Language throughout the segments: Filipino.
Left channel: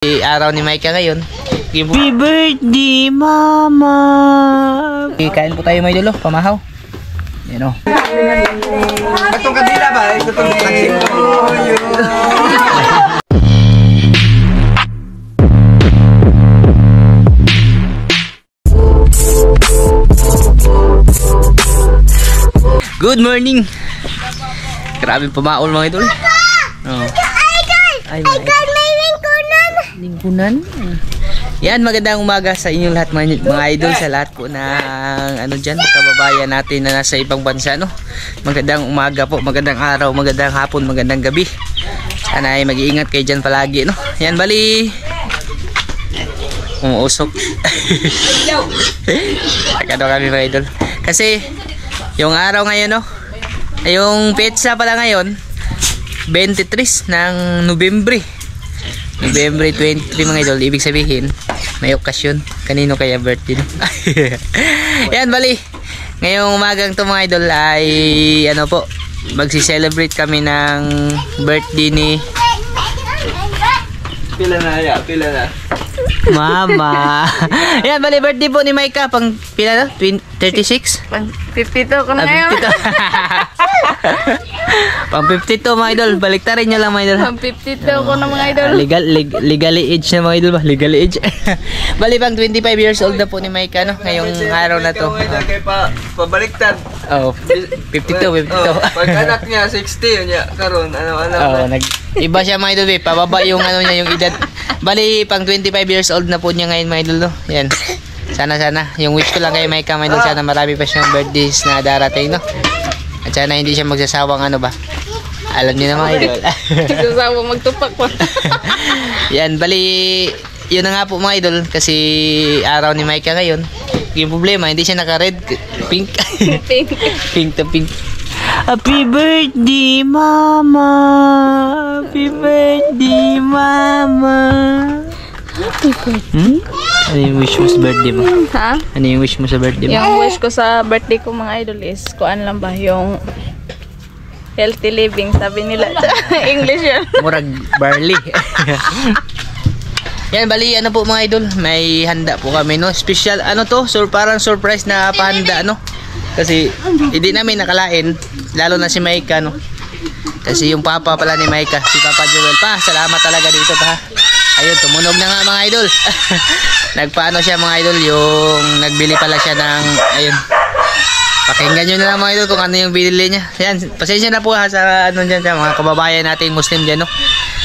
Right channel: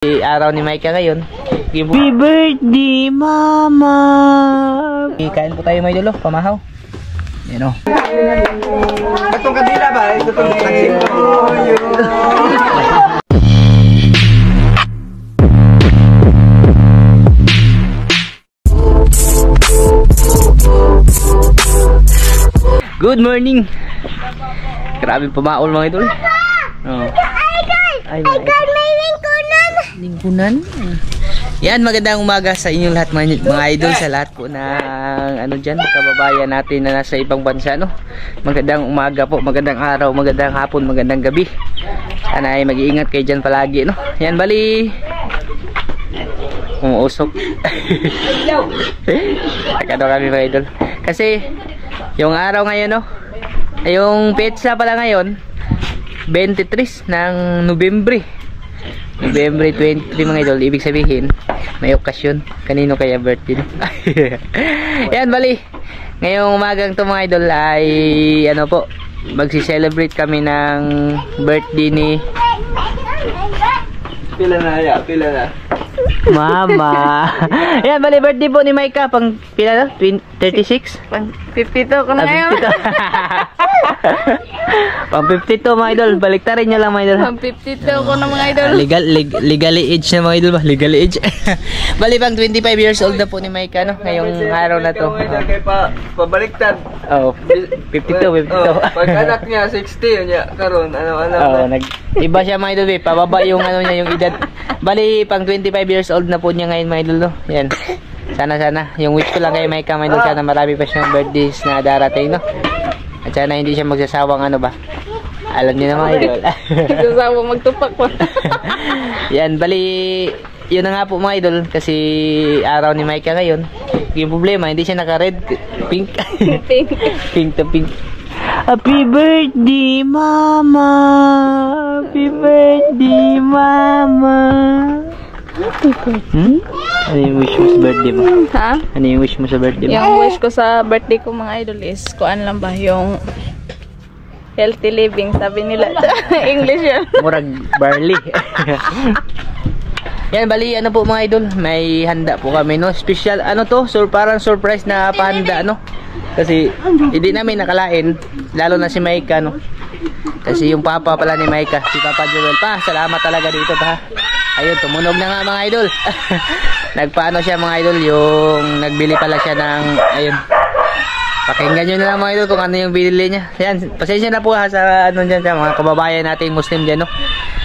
Araw ni Micah ngayon. Happy birthday, mama! Kain po tayo, may dulo, pamahaw. Yan o. Batong kabila ba? Batong taksin ko. Good morning! Grabe pamaol mga idol. Oh. Ay, may lingkunan. Yan, magandang umaga sa inyong lahat mga idol, sa lahat po ng kababayan natin na nasa ibang bansa, no. Magandang umaga po, magandang araw, magandang hapon, magandang gabi. Sana ay mag-iingat kayo dyan palagi, no. Yan, bali umuusok. Agad kami mga idol. Kasi yung araw ngayon, no, yung petsa pala ngayon 23 ng Nobyembre 23 mga idol. Ibig sabihin may okasyon. Kanino kaya birthday, no? Yan, bali ngayong umagang to mga idol ay ano po, magsi-celebrate kami ng birthday ni Pila na. Mama. Yan, bali birthday po ni Micah pang pila na? 36? Pang 52 ko na ngayon. Pang 52 mga idol. Baliktarin nyo lang mga idol. Pang 52 ko na mga idol. Legally age na mga idol ba? Legally age. Bali pang 25 years old na po ni Micah, no? Ngayong araw na to. Kaya pabaliktad. Oh, 52. Pag anak niya 60 niya karon ano. Iba siya mga idol, eh. Pababa yung ano niya, yung edad. Bali pang 25 years old na po niya ngayon mga idol, no? Yan. Sana yung wish ko lang kay Micah mga idol, sana marami pa siyang birthdays na darating, no? At sana hindi siya magsasawang ano ba? Alam niyo na mga idol. Magsasawang magtupak pa. Yan, bali yun na nga po mga idol, kasi araw ni Micah ngayon. Yung problema, hindi siya naka-red, pink. Pink to pink. Happy birthday, mama! Happy birthday, mama! Happy birthday? Ano yung wish mo sa birthday mo? Ha? Ano yung wish mo sa birthday mo? Yung wish ko sa birthday ko mga idol is, kuan lang ba, yung healthy living, sabi nila. English yun. Murag barley. Yan, bali ano po mga idol, may handa po kami, no? Special, ano to? Parang surprise na pahanda, no? Kasi hindi namin nakalain, lalo na si Micah, no? Kasi yung papa pala ni Micah, si Papa Joel pa, salamat talaga dito pa. Ayun, tumunog na nga mga idol. Nagpaano siya mga idol, yung nagbili pala siya ng, ayun. Pakinggan nyo na lang mga idol kung ano yung binili niya. Yan, pasensya na po ha sa ano dyan, sa mga kababayan natin Muslim dyan, no?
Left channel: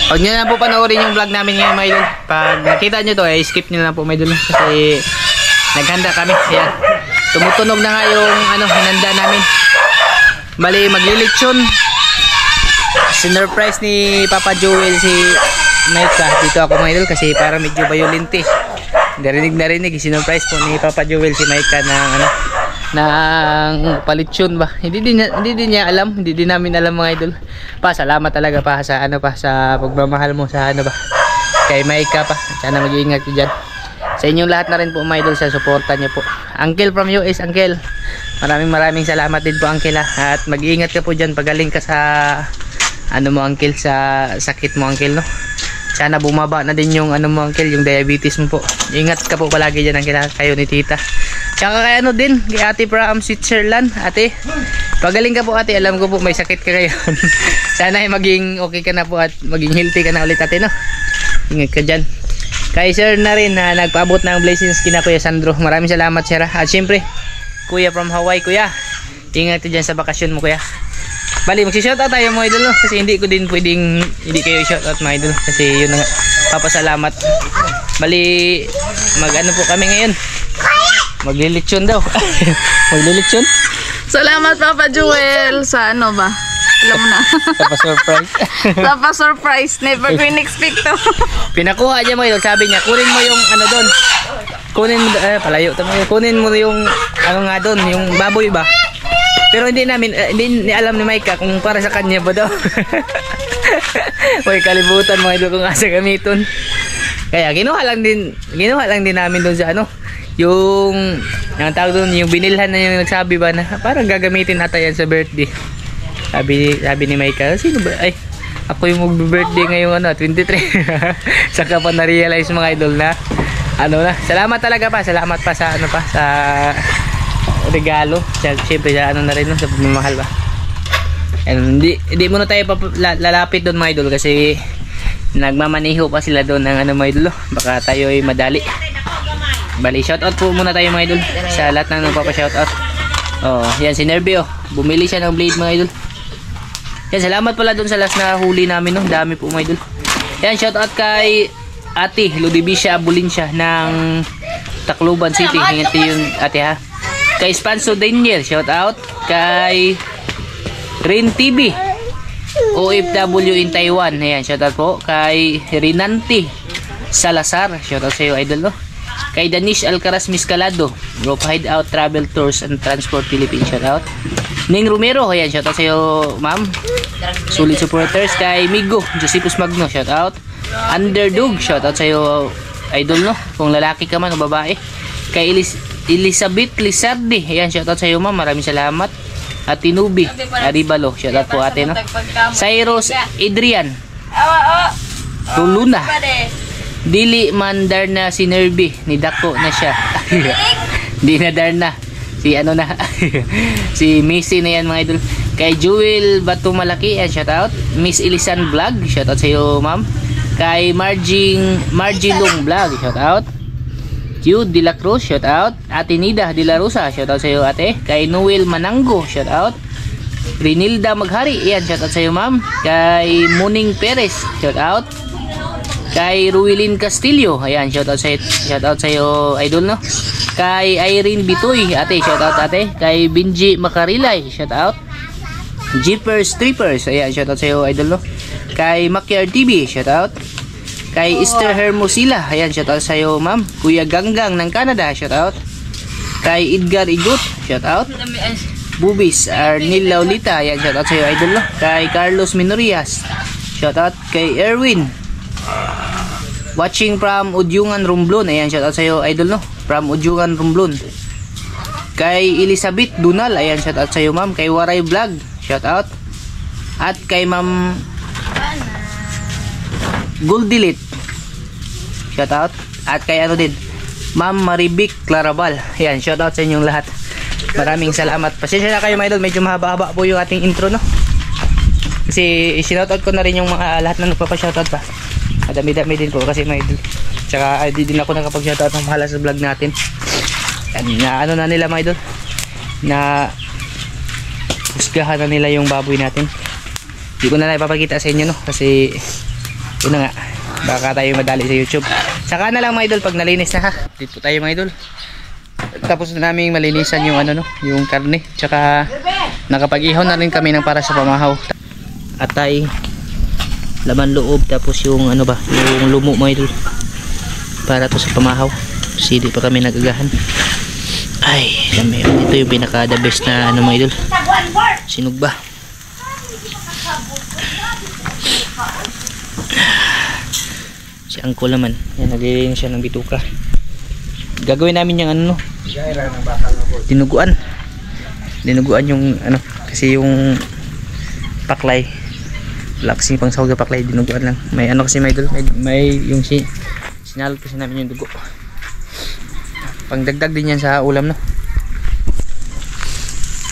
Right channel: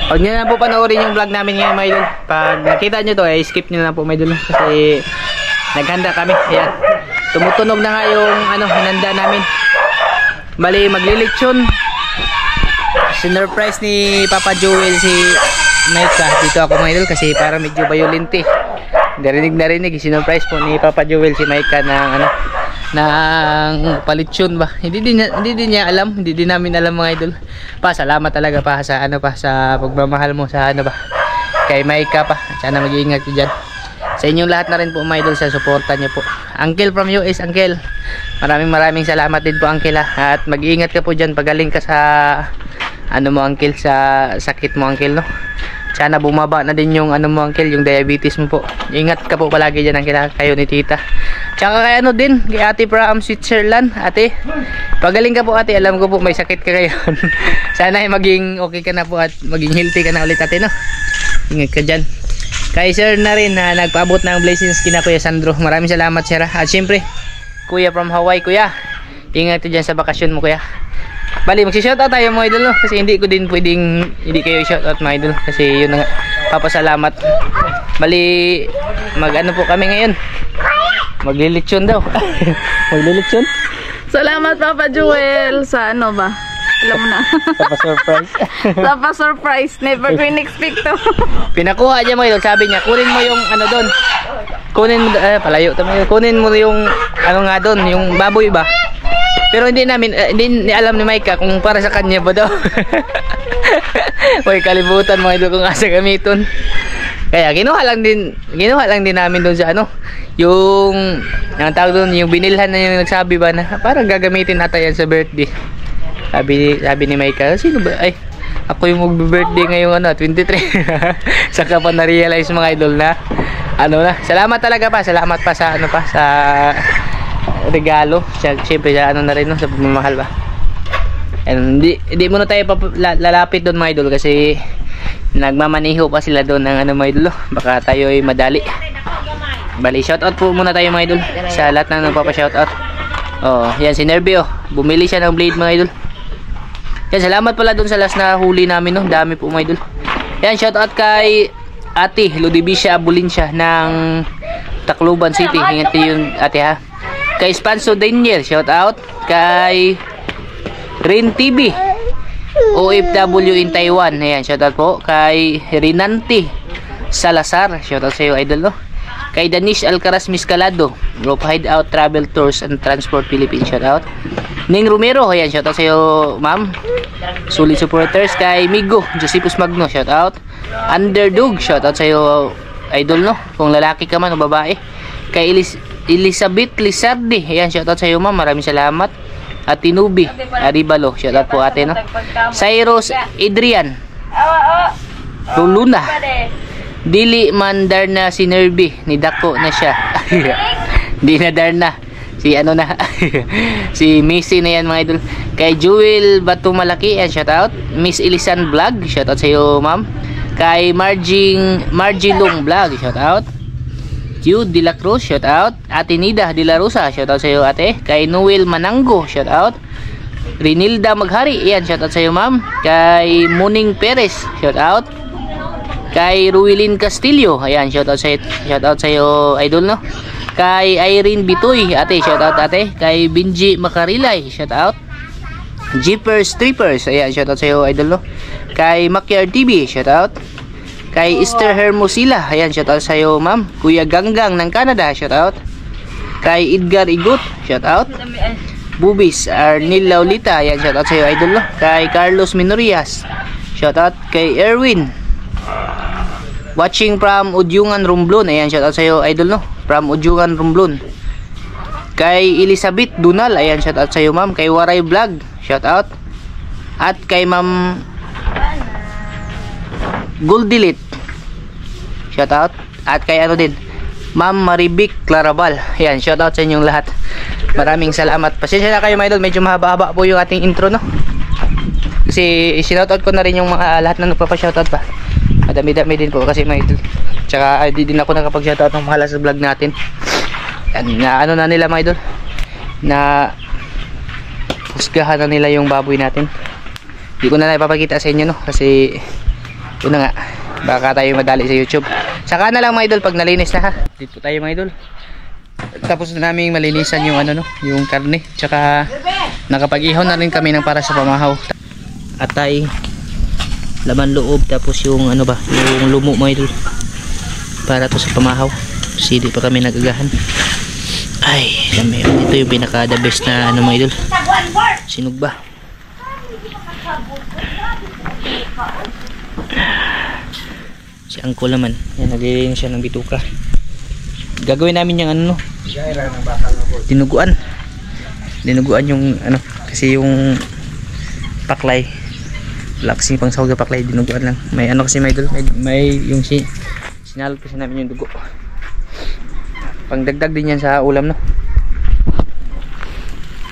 Huwag nyo na po panoorin yung vlog namin ngayon mga idol. Pag nakita nyo to, skip nyo na po mga idol, kasi naghanda kami. Ayan, tumutunog na nga yung ano, hinanda namin. Bali, maglilitsyon. Sinurprise ni Papa Joel si Micah. Dito ako mga idol kasi para medyo violente. Narinig. Sinurprise po ni Papa Joel si Micah ng ano, ng palitsyon ba. Hindi din niya alam, hindi din namin alam mga idol. Salamat talaga pa sa ano pa, sa pagmamahal mo sa ano ba, kay Micah pa. Sana mag-iingat ka diyan. Sa inyong lahat na rin po mga idol, sa suporta niyo po. Uncle from US, Uncle. Maraming salamat din po Uncle ha. At mag-iingat ka po diyan pagaling ka sa ano mo Uncle, sa sakit mo Uncle, no. Sana bumaba na din yung ano mo Uncle, yung diabetes mo po. Ingat ka po palagi diyan Uncle, kayo ni Tita. Tsaka kay ano din, kay Ate from Switzerland. Ate, pagaling ka po ate, alam ko po may sakit ka ngayon. Sana ay maging okay ka na po at maging healthy ka na ulit ate, no. Ingat ka diyan. Kay sir na rin na nagpaabot ng blessings kina Kuya Sandro. Maraming salamat sir. At syempre, Kuya from Hawaii, Kuya. Ingat ka dyan sa bakasyon mo Kuya. Bali, magsishoutout tayo mga idol, no? Kasi hindi ko din pwedeng hindi kayo shoutout mga idol. Kasi yun na nga, papasalamat. Bali, mag-ano po kami ngayon. Maglilitsyon daw. Maglilitsyon. Salamat Papa Joel sa ano ba? Alam mo na. Surprise. Surprise. Never ko in-expect to. Pinakuha niya mga idol. Sabi niya, kunin mo yung ano doon. Kunin mo, palayo. Kunin mo yung ano nga doon, yung baboy ba? Pero hindi hindi alam ni Micah kung para sa kanya ba daw. May kalibutan mga idol kung asa gamiton. Kaya ginawa lang din namin doon sa ano, yung tawag doon, yung binilhan na yung nagsabi ba na parang gagamitin ata yan sa birthday. Sabi ni Micah, sino ba? Ay, Ako yung magbe-birthday ngayong ano, 23. Saka pa na-realize mga idol na ano na. Salamat talaga pa. Salamat pa sa ano pa sa regalo. Siyempre sa ano na rin no, sa pagmamahal ba. And hindi muna tayo lalapit doon mga idol kasi nagmamaniho pa sila doon ng ano mga idol. Baka tayo ay madali. Bali, shoutout po muna tayo mga idol sa lahat ng nagpapa-shoutout. Oh, yan si Nerby oh. Bumili siya ng blade mga idol. Yan, salamat pala doon sa last na huli namin no. Dami po mga idol. Yan, shoutout kay Ate Ludibisha Abulinsya ng Tacloban City. Hinganti yung ate ha. Kay Spanso Daniel, shoutout. Kay Rin TV OFW in Taiwan. Ayan, shoutout po. Kay Rinanti Salazar, shoutout sa iyo idol no. Kay Danish Alcaraz Miscalado, Rope Hideout Travel Tours and Transport Philippines, shoutout. Ning Romero, ayan, shoutout sa iyo ma'am. Solid supporters. Kay Migo Josepus Magno, shoutout. Underdog, shoutout sa iyo idol no, kung lalaki ka man o babae. Kay Elizabeth Lizardi, ayan, shoutout sa iyo ma'am, maraming salamat. At Tinubi Aribalo, shoutout po ate no. Cyrus Adrian Luluna Dili man Darna si Nerby, ni Dako na siya. Di na Darna. Si ano na. Si Missy na yan mga idol. Kay Jewel Batumalaki, shoutout. Miss Elisan Vlog, shoutout sa iyo ma'am. Kay Margie Long Vlog, shoutout. Jude De La Cruz, shoutout. Ate Nida De La Rosa, shoutout sa iyo ate. Kay Noel Manango, shoutout. Rinilda Maghari, yan, shoutout sa iyo ma'am. Kay Muning Perez, shoutout. Kay Ruilin Castillo, ayan, shoutout sa iyo idol no. Kay Irene Bitoy, ate, shoutout ate. Kay Benji Makarilay, shoutout. Jeepers Trippers, ayan, shoutout sa iyo idol no. Kay Makyar TV, shoutout. Kay Esther Hermosilla, ayan, shoutout sa iyo ma'am. Kuya Ganggang ng Canada, shoutout. Kay Edgar Igot, shoutout. Bubis Arnil Laulita, ayan, shoutout sa iyo idol no. Kay Carlos Minorias, shoutout. Kay Erwin watching from Udyungan Romblon, ayan, shoutout sa iyo idol no, from Udyungan Romblon. Kay Elizabeth Dunal, ayan, shoutout sa iyo ma'am. Kay Waray Vlog, shoutout. At kay ma'am Goldilit, shoutout. At kay ano din, ma'am Maribik Clarabal, ayan, shoutout sa inyong lahat. Maraming salamat. Pasensya na kayo mga idol, medyo mahaba-haba po yung ating intro no, kasi sinoutout ko na rin yung mga lahat na nagpapa-shoutout pa. Madami-dami din po kasi mga idol. Tsaka di din ako nakapag-shoutout ng mahala sa vlog natin. Yan, na ano na nila mga idol, na husgahan na nila yung baboy natin. Hindi ko na ipapakita sa inyo no, kasi yun na nga, baka tayo madali sa YouTube. Saka na lang mga idol pag nalinis na ha. Dito tayo mga idol. Tapos na namin malinisan yung ano no, yung karne. Tsaka nakapag-ihaw na rin kami ng para sa pamahaw. Atay, laman loob, tapos yung ano ba, yung lumo mga idol, para to sa pamahaw. Sili pa kami nagagahan. Ay, dami. Ito yung pinaka the best na ano mga idol, sinugba. Si Angko naman, yan, naglilinis siya ng bituka. Gagawin namin yung ano no, dinuguan yung ano, kasi yung paklay wala kasi pang sahog na paklay, dinuguan lang. May ano kasi may idol, may yung sinalot kasi namin yung dugo, pang dagdag din yan sa ulam no.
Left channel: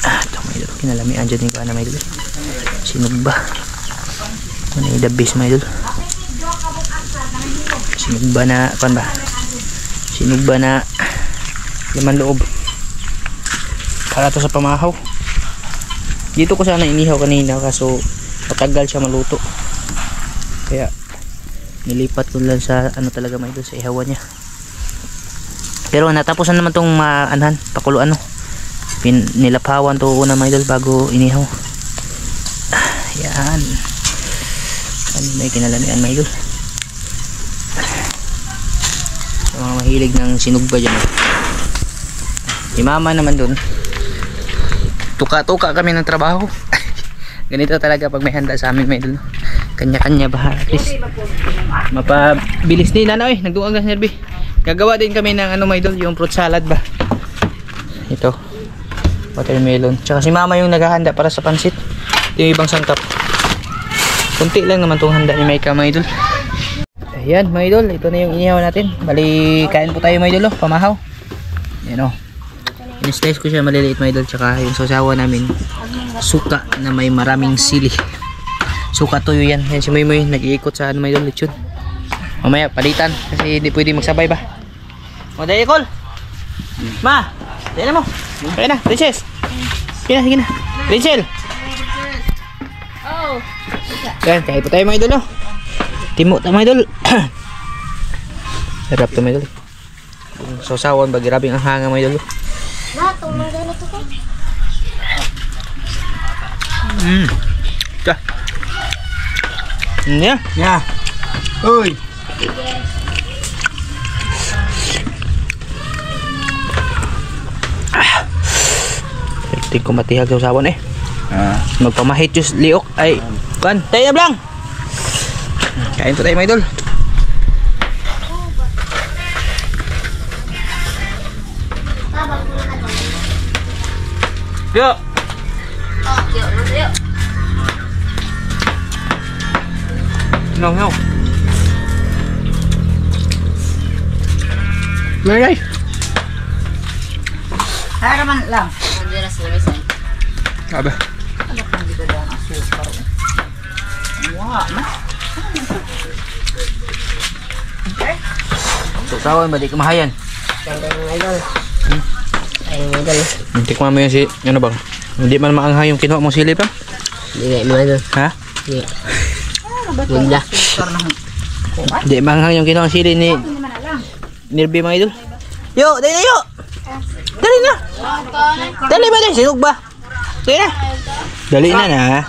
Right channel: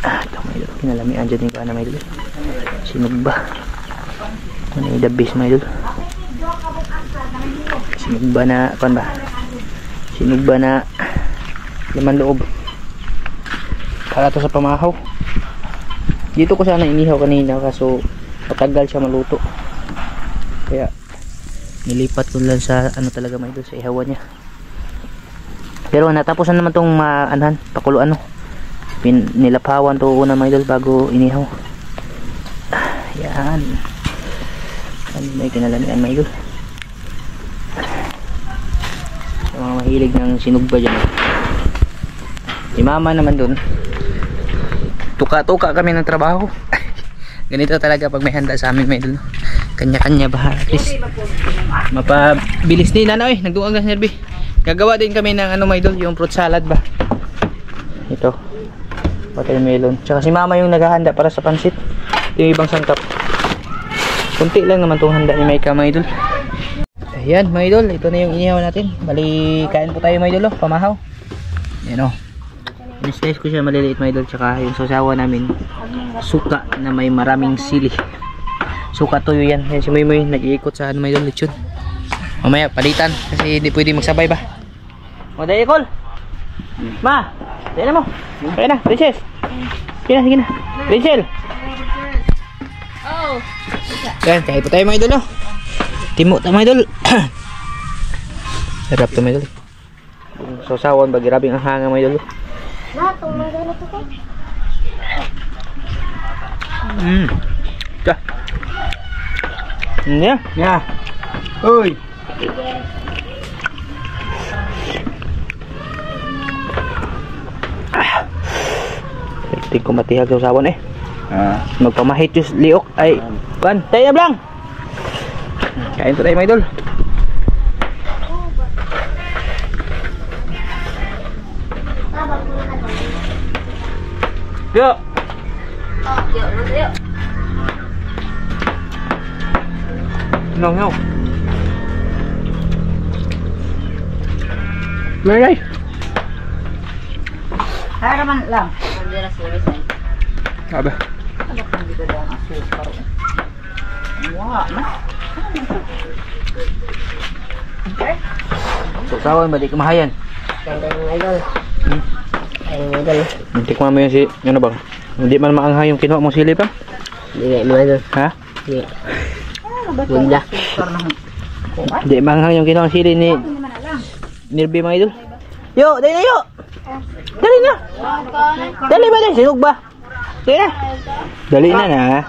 Ito may idol, kinalamian dyan yung kaana may idol, sinugba. Ano yung the best may idol, sinugba na pan ba, sinugba na laman loob para to sa pamahaw. Dito ko sana inihaw kanina kaso matagal siya maluto, kaya nilipat ko lang sa ano talaga mga idol, sa ihawan niya. Pero natapusan naman tong maanhan, pakuluan no, nilapawan to una mga idol bago inihaw. Yan, ano may kinalamian mga idol, sa mga mahilig ng sinugba dyan. Si mama naman dun, tuka-tuka kami ng trabaho. Ganito talaga pag may handa sa amin mga idol no? Kanya-kanya ba, at least mapabilis din ano eh, nagduang gas Nerby. Gagawa din kami ng ano mga idol, yung fruit salad ba, ito watermelon, tsaka si mama yung naghahanda para sa pansit. Ito yung ibang sangkap, Kunti lang naman itong handa ni Maika mga idol. Ayan mga idol, ito na yung inihaw natin. Bali, kain po tayo mga idol, oh, pamahaw. Ayan o. In-slice ko siya maliliit mga idol. Tsaka yung sasawa namin, suka na may maraming sili. Suka toyo yan. Ayan si Moy nag-iikot sa ano mga idol, lechon. Mamaya palitan kasi hindi pwede magsabay ba. O dahil call. Ma, dahil na mo. Kaya na, princess. Sige na. Princess. Oh. Yan, kaya po tayo mga idol, oh. Timo tayo mga idol. Sarap to mga idol. Sausawan ba, grabe ang hanga mga idol. Ka. Yeah. Ya. Uy. Tingin ko matihag sa usawan eh. Magpamahit yung liok ay pan, tayo na blang. Kain po tayo mga idol. Yo. No. Meray. Haraman lang. Aba. Sausawan ba di kamahayan? Tikman mo yung si, ano bang? Hindi man maanghay yung kinuha mong silip ha? Hindi mo idol. Ha? Bunda. Hindi maanghay yung kinuha mong silip ni Nirby mga idol. Yo, dali na yo! Dali na! Dali ba dali? Sinug ba? Dali na! Dali na na.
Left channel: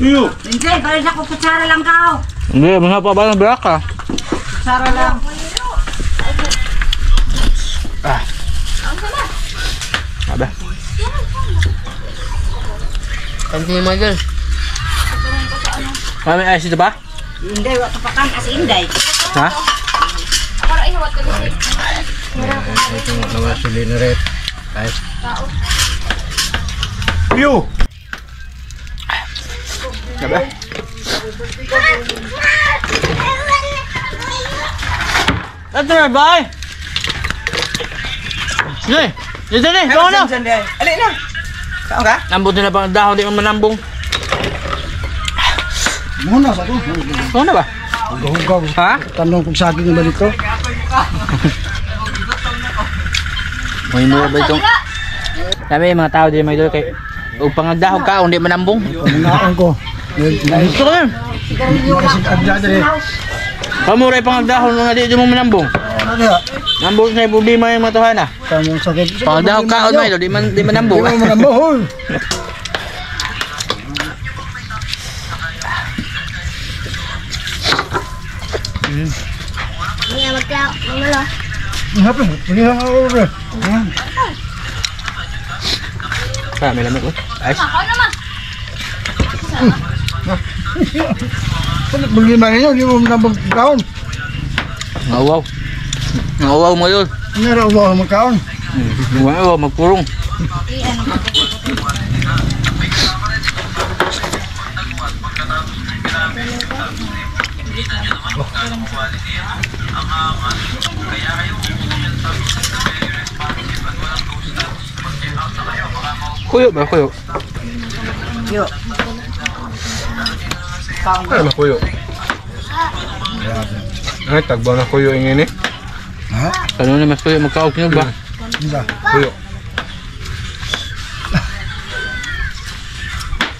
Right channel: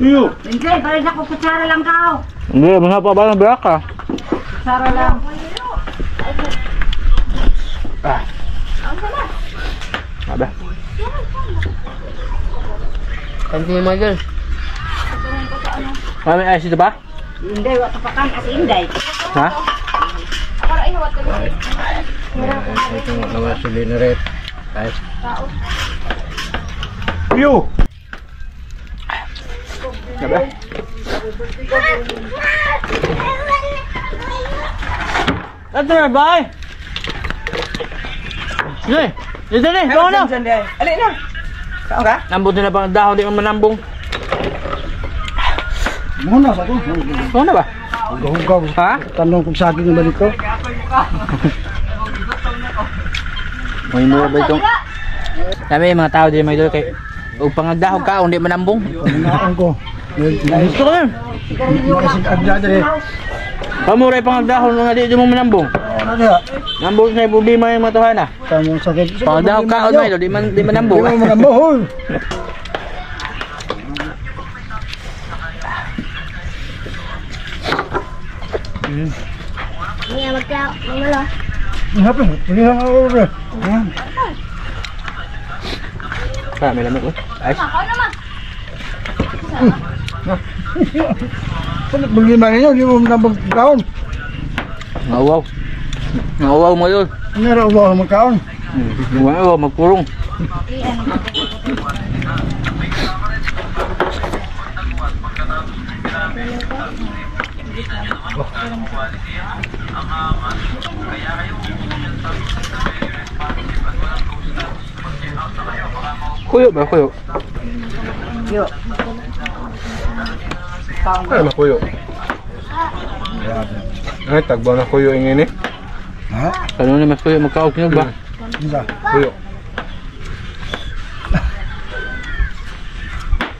Yo. Hindi, balik ako kutsara lang ka. Hindi, masarap pa ba ng braka? Kutsara lang. Aba. Kanti mo idol. May ayos ito ba? Hindi, wala pa kan as inday. Ha? Ito naman sili na rin. Guys. Yo. Aba. Ito na ba? Sige. Dito na. Ito na. Alin na. Saan ka? Nambot na pang dahon. Di man manambong. Muna sa ko. Ito na ba? Hugaw. Ha? Tanong kung sa akin yung balito. May mura ba itong? Sabi yung mga tao dyan mga idol kay upang nagdahog ka, hindi manambong. Hinaan ko. Gusto ko yun. Nakasig agya dali. Pamuray pang nagdahog nga di mo manambong. Ano niya? Nambong sa problema yung mga tuhan ah. Tamong sakit. Pang nagdahog ka, mga idol, di manambong. Di mo manambong. Niya magka mamalo. Hapon, pilihan ako rin. May lamig ko. Ayos. Bagi ba ninyo? Di mo manambong kaon. Ngawaw. Ngawaw mo yun. Meron ba ako magkaon? Ngawaw, magpurong. Kuyo ba? Kuyo? Yo. Ay, makuyo. Ay, tagbaw na kuyo ingin eh. Ha? Ano na mas kuyo? Magkaog nyo ba? Hindi. Kuyo.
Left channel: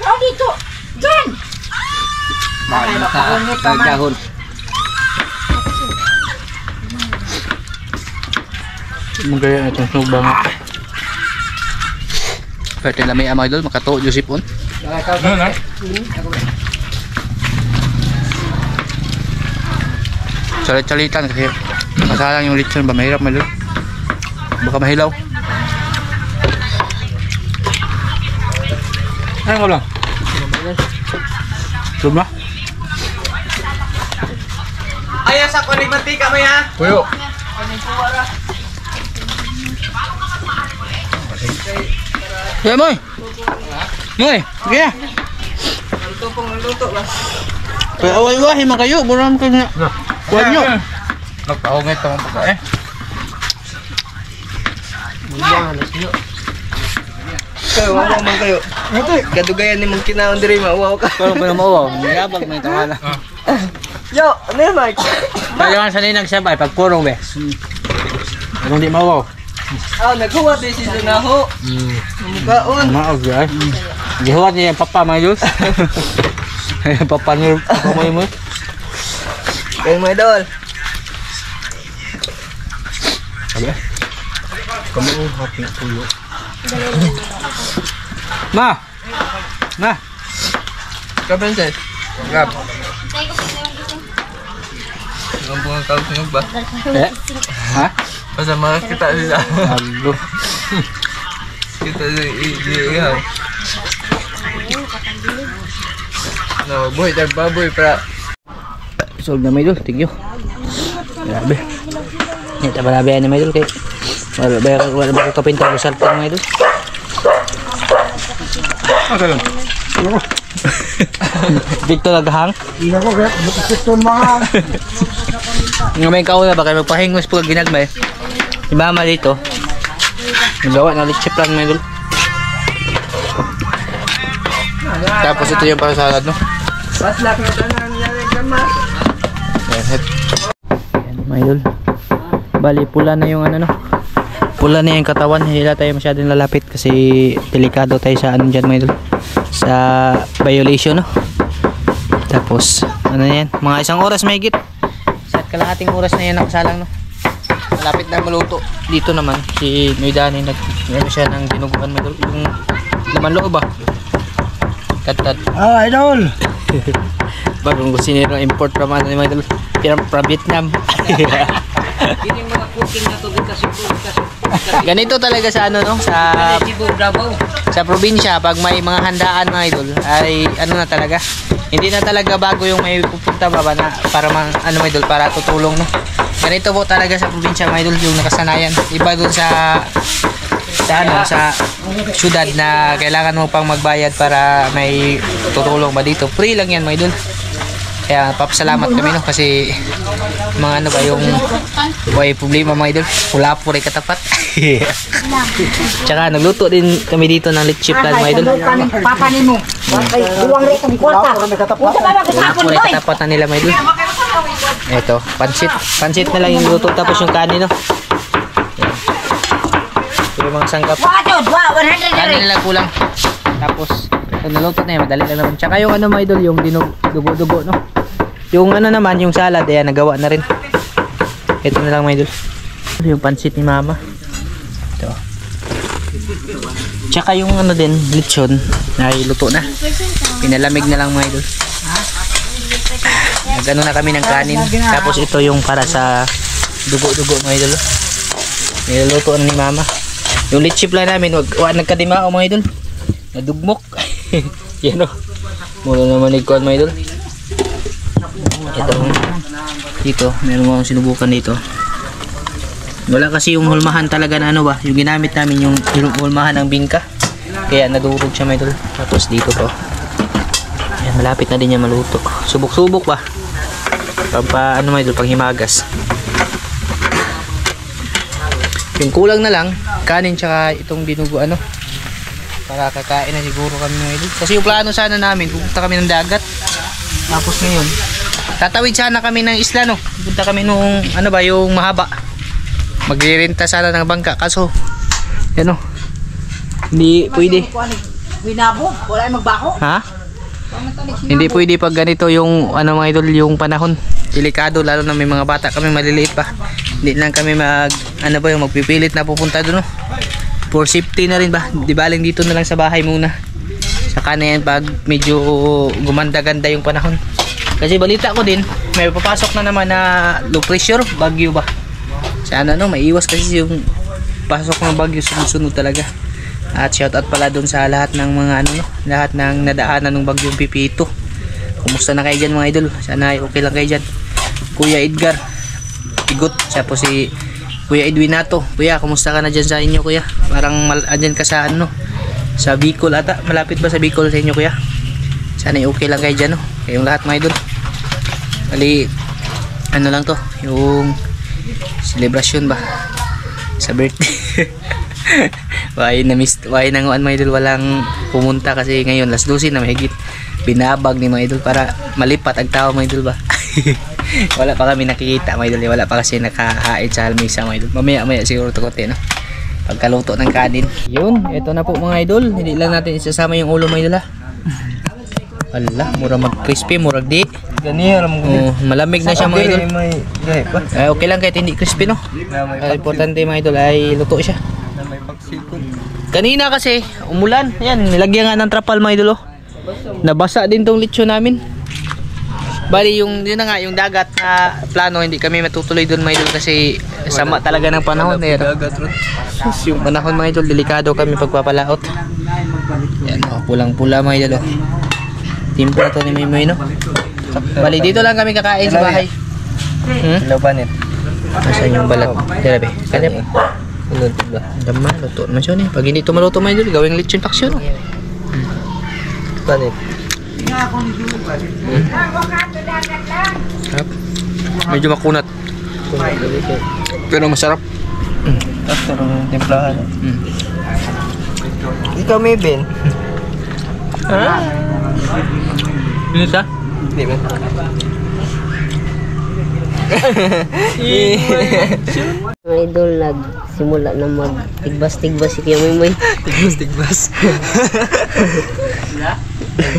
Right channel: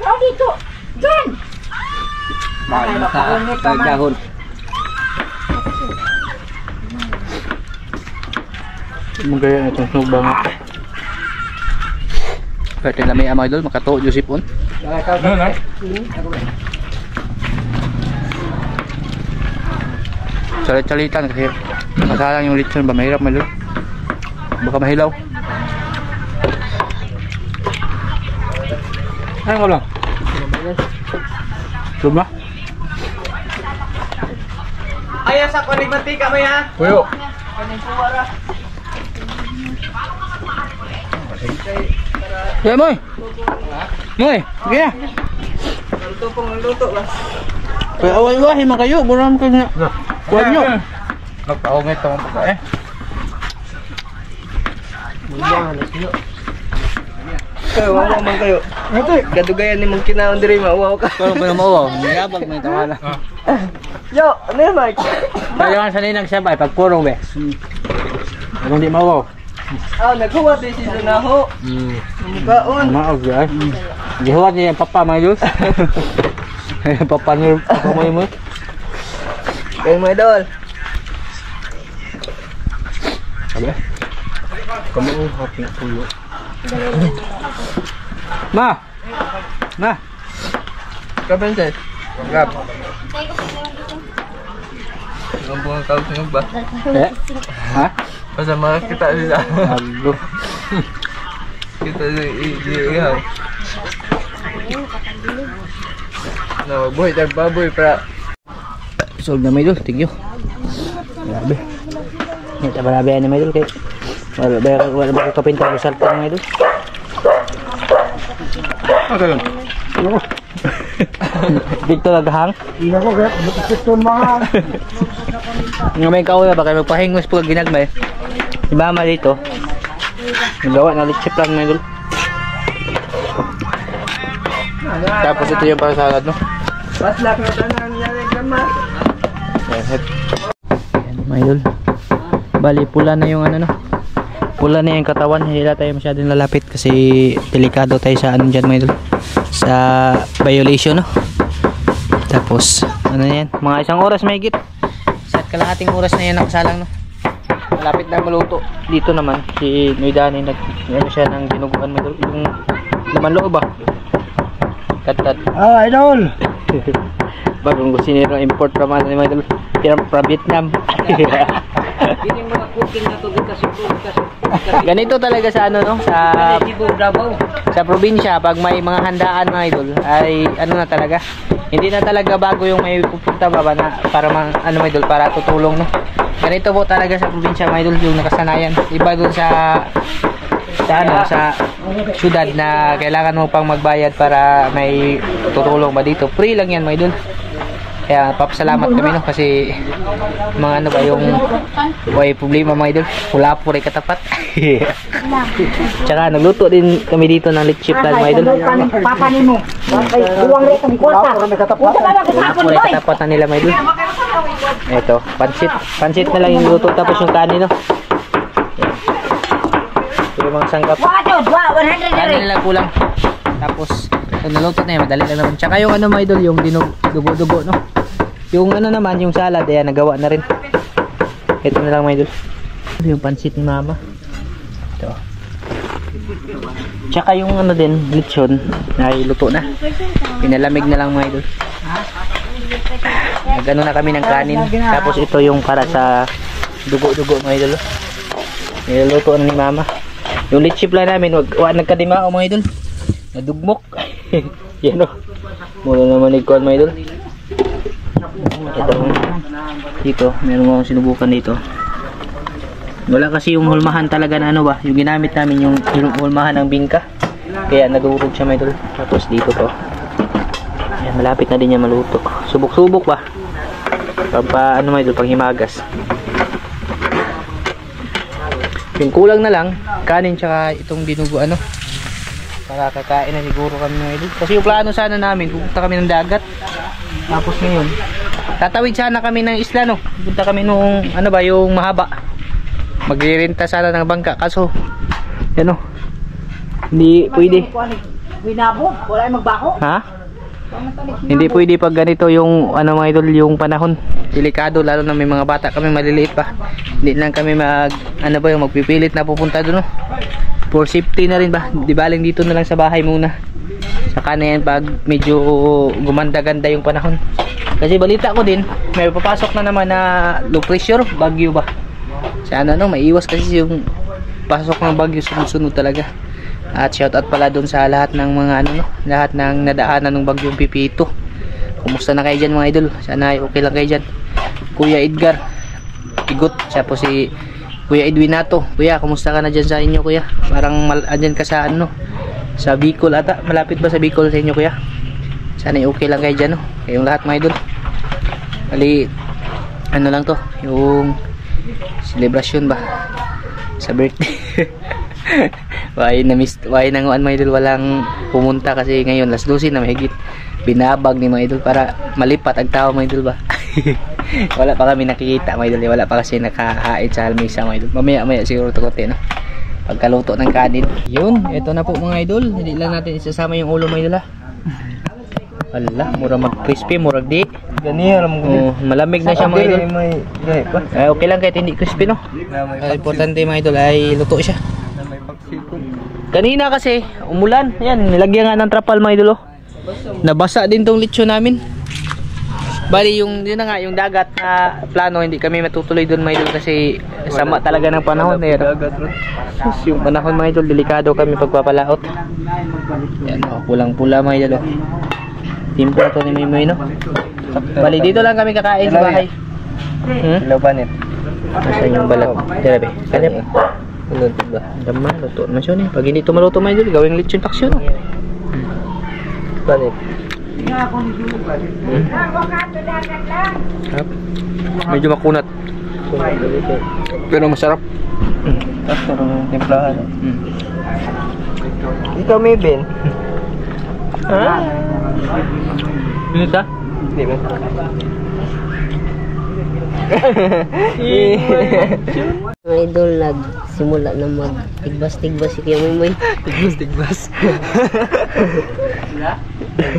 Kau dito. Diyan. Dahon. Magaya na itong sunog ba nga? Pwede na may amay doon, makato, Joseph on. Ano na? Salit-salitan kasi masalang yung lechon ba, mahirap malul. Baka mahilaw. Ano ko lang? Luma? Ayaw sa kunig mantika mo ya. Kuyo. Hey, Moy! Moy! Sige na! Ito pong luto ba? Kaya away-wahi man kayo, buram ka na. Kuha nyo. Nagpahong ito ang pagkain. Kayo, wawa man kayo. Kadugayan ni mong kinaon diri mauwaw ka. Kung pa mawaw, niyabag may tawala. Yo, ano yan Mike? Kaya nga sanay nagsabay, pag purong be. Kung di mawaw. Ah, naghuwa din si Dunaho. Kaon. Maog ay. Gihuwat niya yung papa mga Diyos. Papa niyo, papa mo. Kayo mga idol. Sabi. Kamu ang happy puyo. Ma! Ma! Kapansin. Gab. Ang bunga kausunog ba? Eh? Ha? Pasama kita sila. Aglo. Kita ihaw. No, boy, tagbaboy para. Solve na may Diyos, tigyo. Grabe. Ito ba nabihan ni may Diyos kay wala ba ko kapinta ko salta mga Diyos. Asa yun? Victor naghang. Ina ko kaya, butiston mga. Nga may kauna ba kayo magpahingos po kag ginagmay. Si mama dito. Nagawa na lechip lang mga Diyos. Tapos ito yung para salad no. Paslak na tanan yan kama. Yan mga idol. Bali pula na yung ano no. Pula na yung katawan, hindi na tayo masyadong lalapit kasi delikado tayo sa ano dyan mga idol. Sa violation no. Tapos ano yan, mga isang oras may higit. Sa kalahating oras na yan nakasalang no. Malapit na maluto. Dito naman si Noydani nag siya ng dinuguan mga idol. Yung laman loob ba? Tat. Ah, idol! Bagong kusinero import from ano mga idol. From Vietnam. Ganito talaga sa ano no, sa probinsya pag may mga handaan mga idol ay ano na talaga. Hindi na talaga bago yung may pupunta ba na para ano mga idol para tutulong no. Ganito po talaga sa probinsya mga idol yung nakasanayan. Iba doon sa syudad na kailangan mo pang magbayad para may tutulong ba dito. Free lang yan mga idol. Kaya papasalamat kami no kasi mga ano ba yung may problema mga idol. Wala po rin katapat. Tsaka nagluto din kami dito ng lechip lang mga idol. Papa ni mo. Buwang rin itong kwarta. Wala po rin katapat na nila mga idol. Ito, pansit. Pansit na lang yung luto tapos yung kanin no. Yung mga sangkap. Kanin lang kulang. Tapos naluto na yan, madali lang naman. Tsaka yung ano mga idol, yung dugo-dugo no. Yung ano naman, yung salad, ayan, nagawa na rin. Ito na lang mga idol. Yung pansit ni mama. Ito. Tsaka yung ano din, lechon, ay luto na. Pinalamig na lang mga idol. Nagano na kami ng kanin. Tapos ito yung para sa dugo-dugo mga idol. Niluluto na ni mama. Yung lechip lang namin, nagkadimao mga idol. Nadugmok. Yan o. Mula naman ikuan mga idol. Ito. Dito, meron mo akong sinubukan dito. Wala kasi yung hulmahan talaga na ano ba. Yung ginamit namin yung hulmahan ng bingka. Kaya nadurog siya mga idol. Tapos dito to. Ayan, malapit na din niya maluto. Subok-subok ba? Ano mga idol, pang himagas. Yung kulang na lang, kanin tsaka itong dinugo ano. Para kakain na siguro kami mga idol. Kasi yung plano sana namin, pupunta kami ng dagat. Tapos ngayon, tatawid sana kami ng isla no. Pupunta kami nung ano ba, yung mahaba. Magrerenta sana ng bangka. Kaso, yan o. Hindi pwede. Winabo, wala yung magbaho. Ha? Hindi pwede pag ganito yung ano mga idol, yung panahon. Delikado lalo na may mga bata kami maliliit pa. Hindi lang kami magpipilit na pupunta doon no. For safety na rin ba? Di baling dito na lang sa bahay muna. Saka na yan pag medyo gumanda-ganda yung panahon. Kasi balita ko din, may papasok na naman na low pressure, bagyo ba? Sana no, maiiwas kasi yung pasok ng bagyo sunod-sunod talaga. At shout out pala doon sa lahat ng mga ano no, lahat ng nadaanan ng bagyong Pipito. Kumusta na kayo dyan mga idol? Sana ay okay lang kayo dyan. Kuya Edgar Igot, siya po si Kuya Edwinato. Kuya, kumusta ka na dyan sa inyo kuya? Parang andyan ka sa ano, sa Bicol ata. Malapit ba sa Bicol sa inyo kuya? Sana okay lang kayo dyan, no? Kayong lahat mga idol. Bali, ano lang to, yung celebration ba sa birthday. Why nanguan mga idol, walang pumunta kasi ngayon last 12 na mahigit. Binabag ni mga idol para malipat ang tao mga idol ba. Wala pa kami nakikita mga idol, wala pa kasi nakahain sa halmisa mga idol. Mamaya siguro to konti, no? Pagkaluto ng kanin. Yun, ito na po mga idol. Hindi lang natin isasama yung ulo mga idol, ha. Wala, mura mag-crispy, murag di. Ganyan alam ko. Malamig na siya mga idol. May gahe pa. Okay lang kahit hindi crispy, no? Na may Importante mga idol ay luto siya. na may pagsikon. Kanina kasi umulan. Yan, nilagyan nga ng trapal mga idol, oh. Nabasa din tong lechon namin. Bali yun na nga, yung dagat na plano, hindi kami matutuloy doon mga idol kasi sama talaga ng panahon. Yung panahon mga idol, delikado kami pagpapalaot. Yan, oh, pulang-pula mga idol, oh. Timpla to ni Mimoy, no? Bali dito lang kami kakain sa bahay. Hello banit. Nasaan yung balat? Tira be, kanya pa. Luto ba? Dama, luto naman siya, pag hindi ito maluto mga idol, gawing lechon paksyon, no? Banit. Medyo makunat pero masarap. Tapos yung templahan. Ikaw may Ben? Ha? Binisa? Hindi ba? Mga idol, nagsimula na mag-tigbas-tigbas si Kuya Mimoy. Tigbas.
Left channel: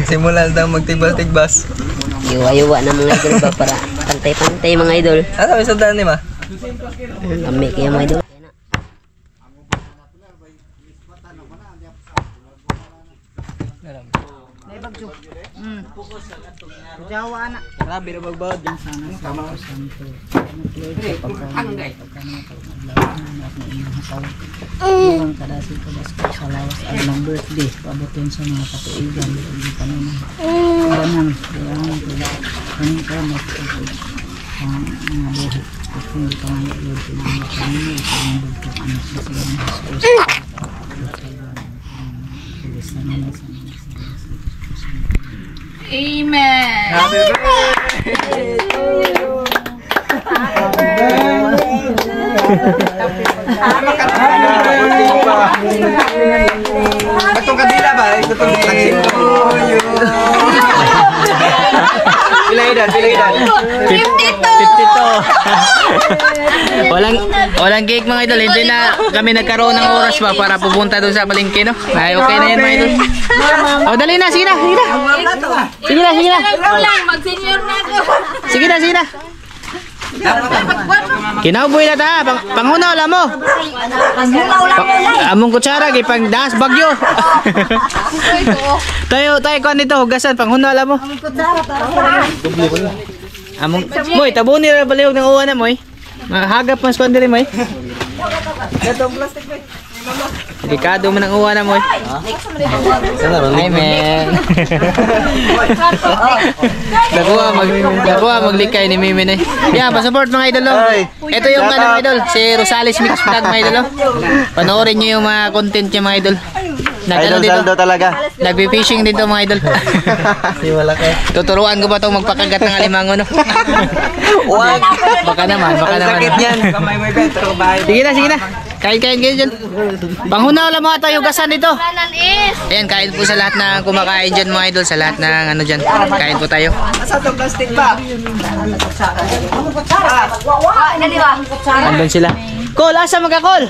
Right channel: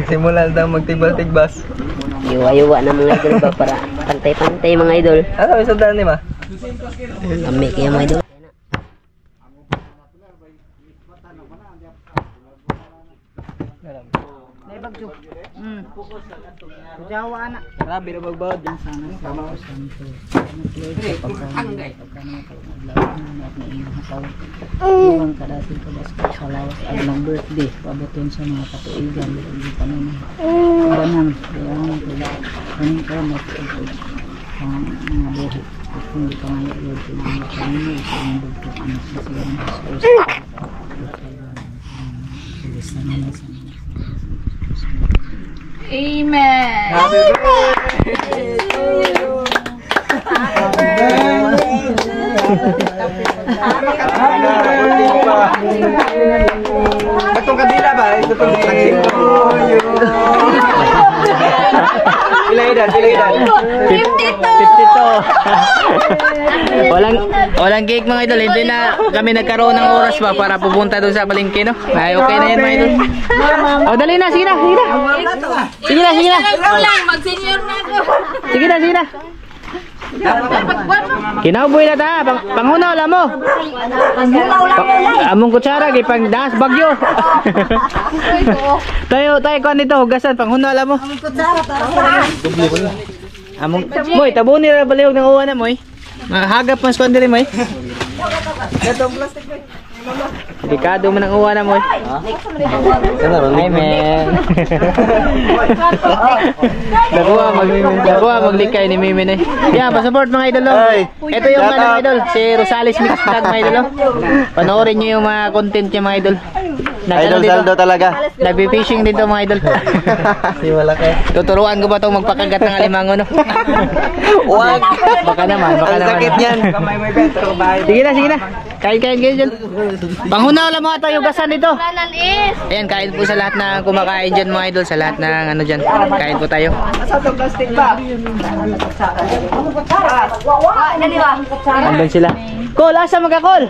Simulan daw magtigbas-tigbas. Iwa-iwa na mga idol ba para pantay-pantay mga idol. Ano sabi sa daan ni ma? Kami kaya mga idol. Jawa anak. Grabe na magbawad yan sana. Ang kadasi ko sa lawas ang ng birthday. Pabutin sa mga katuigan. Hindi pa naman. Banang. Kaya ko mag-upload ang mga buhit. Hindi pa nga i-upload ko ng mga kanina. Ang bugtok ang sasigang hasos. Tulis na naman sa mga. Amen. Happy birthday to you. Batong kadila ba? Ito itong taksin to you. Pila edad? 52. Walang cake mga idol. Hindi na kami nagkaroon ng oras ba para pupunta doon sa palengke, no? Ay, okay na yan mga idol. Oh, dali na, sige na. Sige na. Mag-senior na ako. Sige na. Kinauboy na ta, panghunaw lang mo. Among kutsara kay pang das bagyo. tayo kon dito hugasan panghunaw lang mo. Among moy tabuni ra balihog ng uwan na moy. Mahagap mas kon diri moy. Gatong plastic ba? Delikado man ang uwan na moy. Ay men. Dagwa maglikay ni Mimi ni. Yeah, pa-support mga idol. Ito yung mga idol, si Rosales Mix Vlog mga idol. Panoorin niyo yung mga content niya mga idol. Idol saldo talaga. Nagpi-fishing dito mga idol. Di wala kay. Tuturuan ko ba 'tong magpakagat ng alimango, no? Wag. Baka naman. Ang sakit niyan. Sige na. Kain kayo dyan. Panghunaw lang mga tayo gasan dito. Ayan, kain po sa lahat na kumakain dyan mga idol. Sa lahat ng ano dyan. Kain po tayo. Asa tong plastic ba? Andun sila. Col, asa magka-call?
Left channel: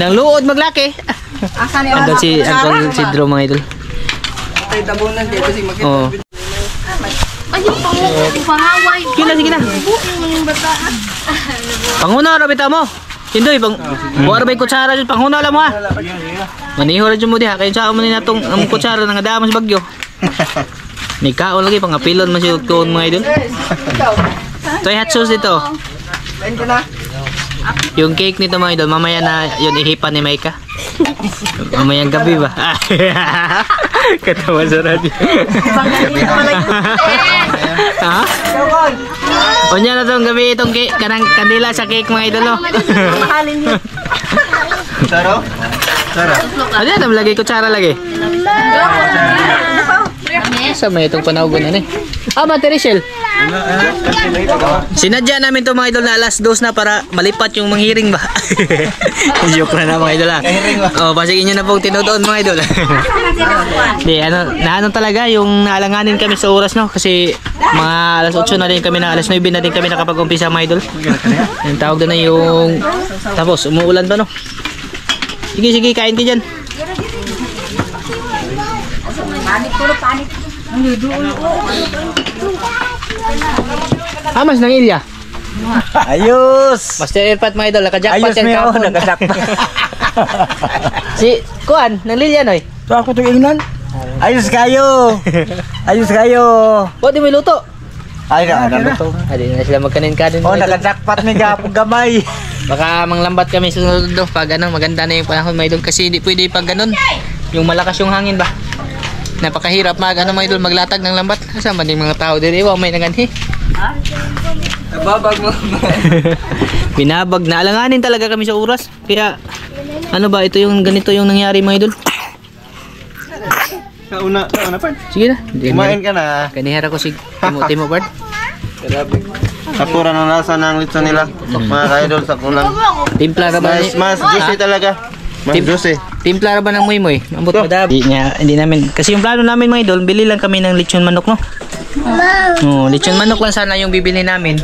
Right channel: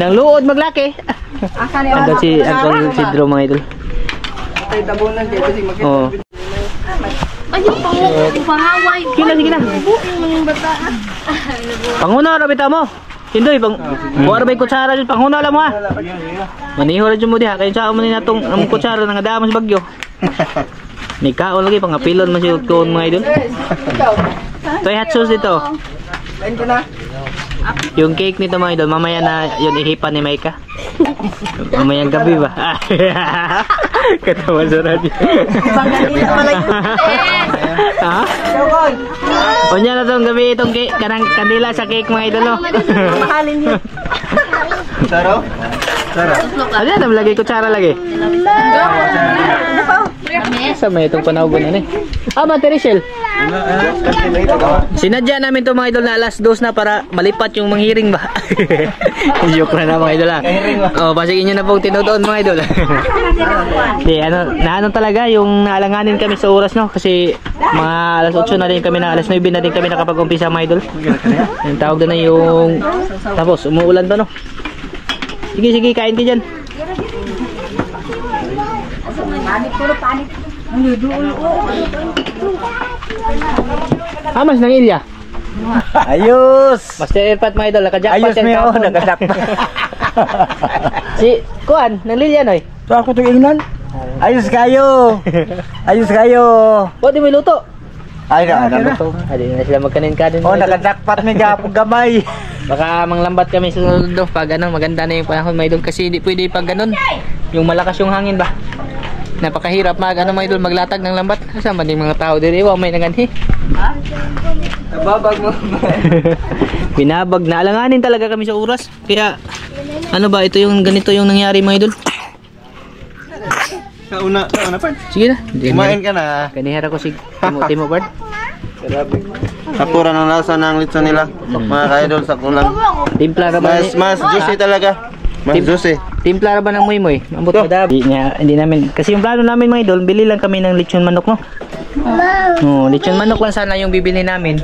Nang luod maglaki. Andun si Uncle Sidro mga idol. Tay tabunan dito si makita. Oo. Ay, pangaway. Sige na. Panghunaw ra bitaw mo. Hindoy, buwar ba'y kutsara dyan, panghuna lang mo ha. Maniho rin dyan mo diha, kaya saan mo nila itong kutsara ng adamos bagyo. May kaon lagi, pangapilon mo siya mga idol. Ito ay hot sauce dito. Yung cake nito mga idol, mamaya na yun ihipan ni Maika. Mamayang gabi ba? Katawa sa radyo. Ha? O niya na itong gabi itong kandila sa cake mga idol. Mahalin yun. Saro? Ano yan? Lagay kutsara lagi. Sa may itong panawgon na eh. Mate Rachel. Sinadya namin to mga idol na alas 2 na para malipat yung manghiring ba. Joke na mga idol ha. Pasigin nyo na pong tinudoon mga idol. Di, ano talaga yung naalanganin kami sa oras no. Kasi mga alas 8 na din kami na alas 9 na din kami nakapag-umpisa mga idol. Yung tawag na yung tapos umuulan pa no. Sige kain ka dyan. Mas nang ilya. Ayos! Master Airpat mga idol, nakajakpat Ayos yan mo kahapon. nakajakpat. Si Kuan, nang Lilya noy. So ako itong ingnan. Ayos kayo! Ayos kayo! Di may luto. Ay, naluto. Adi na sila magkanin-kanin. Oh, mga idol. nakajakpat may gapong gamay. Baka manglambat kami sa sunod do pag maganda na yung panahon mga idol kasi hindi pwede pag ganun. Yung malakas yung hangin ba. Napakahirap mga idol maglatag ng lambat. Kasama din mga tao dito. Iwa may naganhi. Nababag mo. Binabag na alanganin talaga kami sa oras. Kaya ano ba ito yung ganito yung nangyari mga idol. Sa una part. Sige na. Kumain ka na. Kanihara ko si Timo Bard. Sakura ng lasa ng litso nila. Mga ka-idol sa kulang. Timpla na ba? Mas juicy talaga. Mas juicy. Timpla na ba ng muy-muy? Ambot madab. Hindi namin. Kasi yung plano namin mga idol, bili lang kami ng lechon manok no. Lechon manok lang sana yung bibili namin.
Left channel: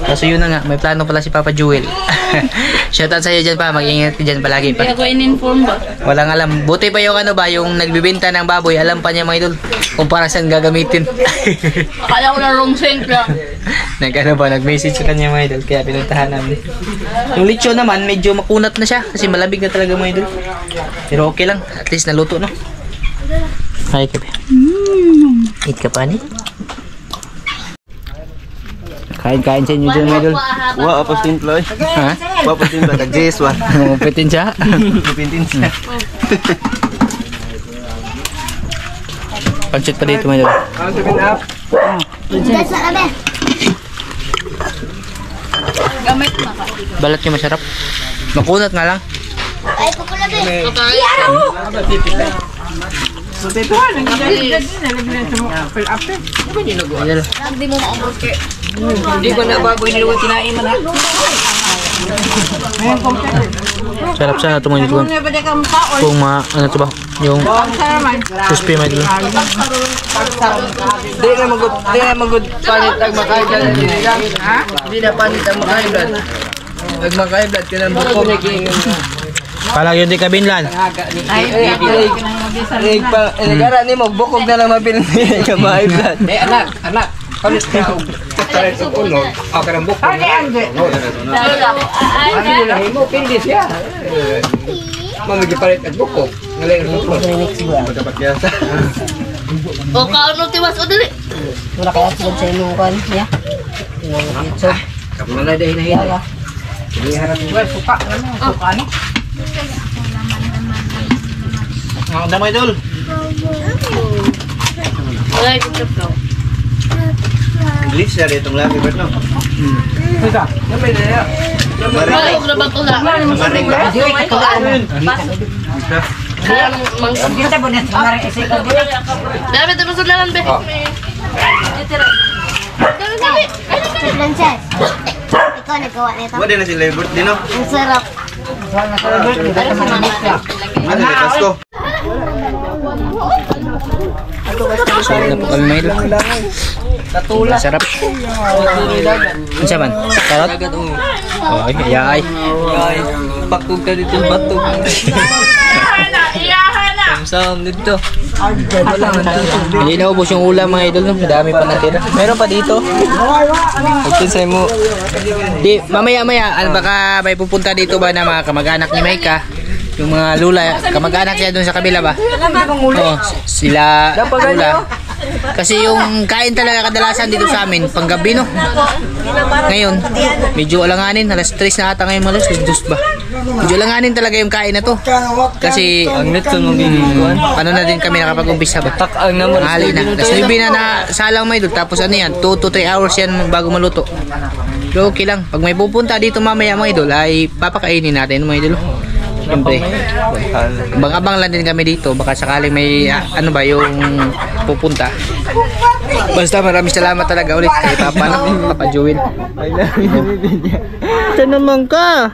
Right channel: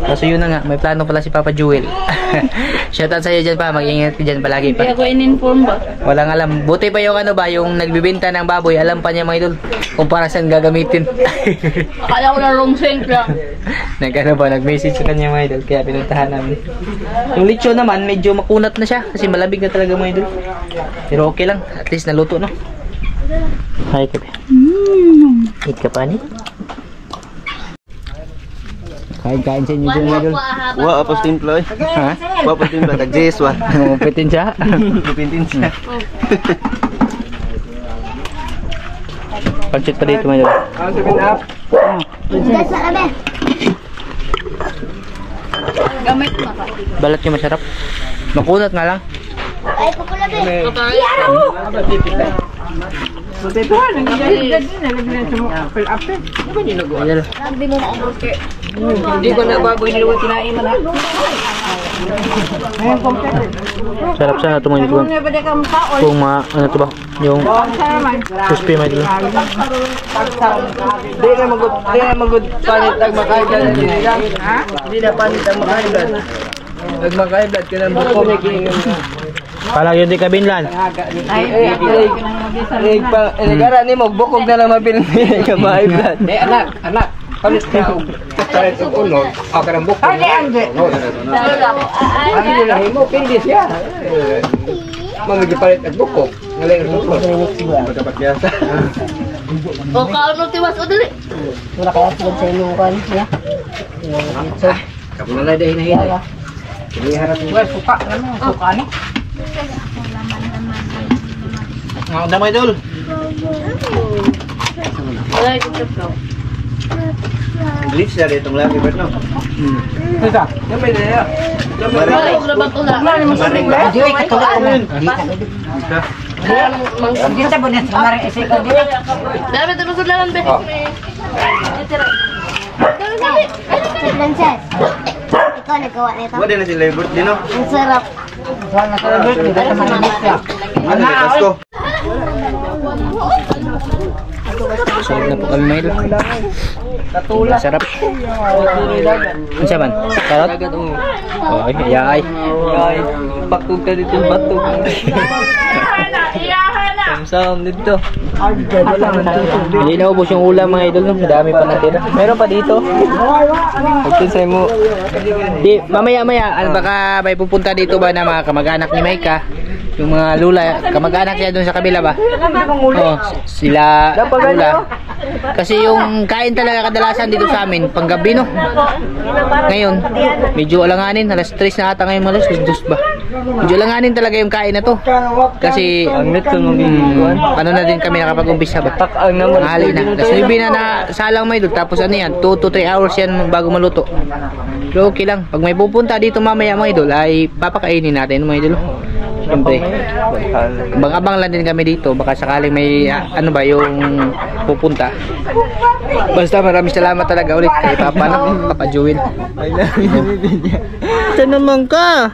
Kaso yun na nga, may plano pala si Papa Jewel. Shoutout sa'yo dyan pa, mag-ingat ka dyan palagi pa. Kaya ko in-inform ba? Walang alam. Buti pa yung yung nagbibenta ng baboy, alam pa niya mga idol kung para saan gagamitin. Akala ko na wrong scent lang. Nag-message sa kanya mga idol, kaya pinuntahan namin. Yung lechon naman, medyo makunat na siya kasi malabig na talaga mga idol. Pero okay lang, at least naluto no. Hi kape. Eat ka pa ni? Kain-kain sa inyo dyan mga idol. Wa apos timpla eh. Ha? Wa apos timpla kag Jess wa. Mapitin siya. Pipintin siya. Pancit pa dito mga idol. Gamit na ka. Balat niya masarap. Makunat nga lang. Idol. Hindi ko na baboy na luwa tinain man ha. Sarap sana ito mga idol. Kung ano ito ba? Yung crispy mga idol. Di na magud panit ang makaiblan nila. Di na panit ang makaiblan. Pag makaiblan ka ng buko. Palag yun di kabinlan. Gara ni mo bukog na lang mabilin ka makaiblan. Anak. Palit ka. Palit ang ulo. Ako ng buko. Ano na mo? Pindis ya. Mamigipalit ang buko. Ngayon ang buko. Magkapatiyasa. O kaano tiwas o dali. Wala kaya sila sa inyong kan, ya. Kamu na dahil na Hindi harap mo. Suka ni. Ang damay idol. Wala yung trip Glitch na itong lagi ba no? Ika. Namay na ya. Wala yung grabat ula. Maring ba? Kita po na sa maring isik ko dili. Dami ito sa lalan be. Princess, ikaw nagawa nito. Wala na sila yung birthday no? Ang sarap. Ano na Pasko? Sarap na po kami mga idol. Sarap. Ano siya man? Sarap? Ay, ayay. Pakog ka dito batog. Sam dito. Hindi na ubos yung ulam mga idol. Dami pa natira. Meron pa dito. Pagkinsay mo. Di, mamaya-maya, baka may pupunta dito ba na mga kamag-anak ni Maika? Yung mga lula, kamag-anak niya doon sa kabila ba? Oo, sila lula. Kasi yung kain talaga kadalasan dito sa amin, panggabi no? Ngayon, medyo alanganin, alas 3 na ata ngayon, alas 2 ba? Medyo alanganin talaga yung kain na to. Kasi, ano na din kami nakapag-umpisa ba? Hali na. Alas 9 na salang may doon, tapos ano yan, 2 to 3 hours yan bago maluto. Pero okay lang, pag may pupunta dito mamaya mga idol, ay papakainin natin mga idol. Siyempre, abang-abang lang din kami dito. Baka sakaling may ano ba yung pupunta. Basta maraming salamat talaga ulit kay Papa, no? Papa Joel. Ito naman ka.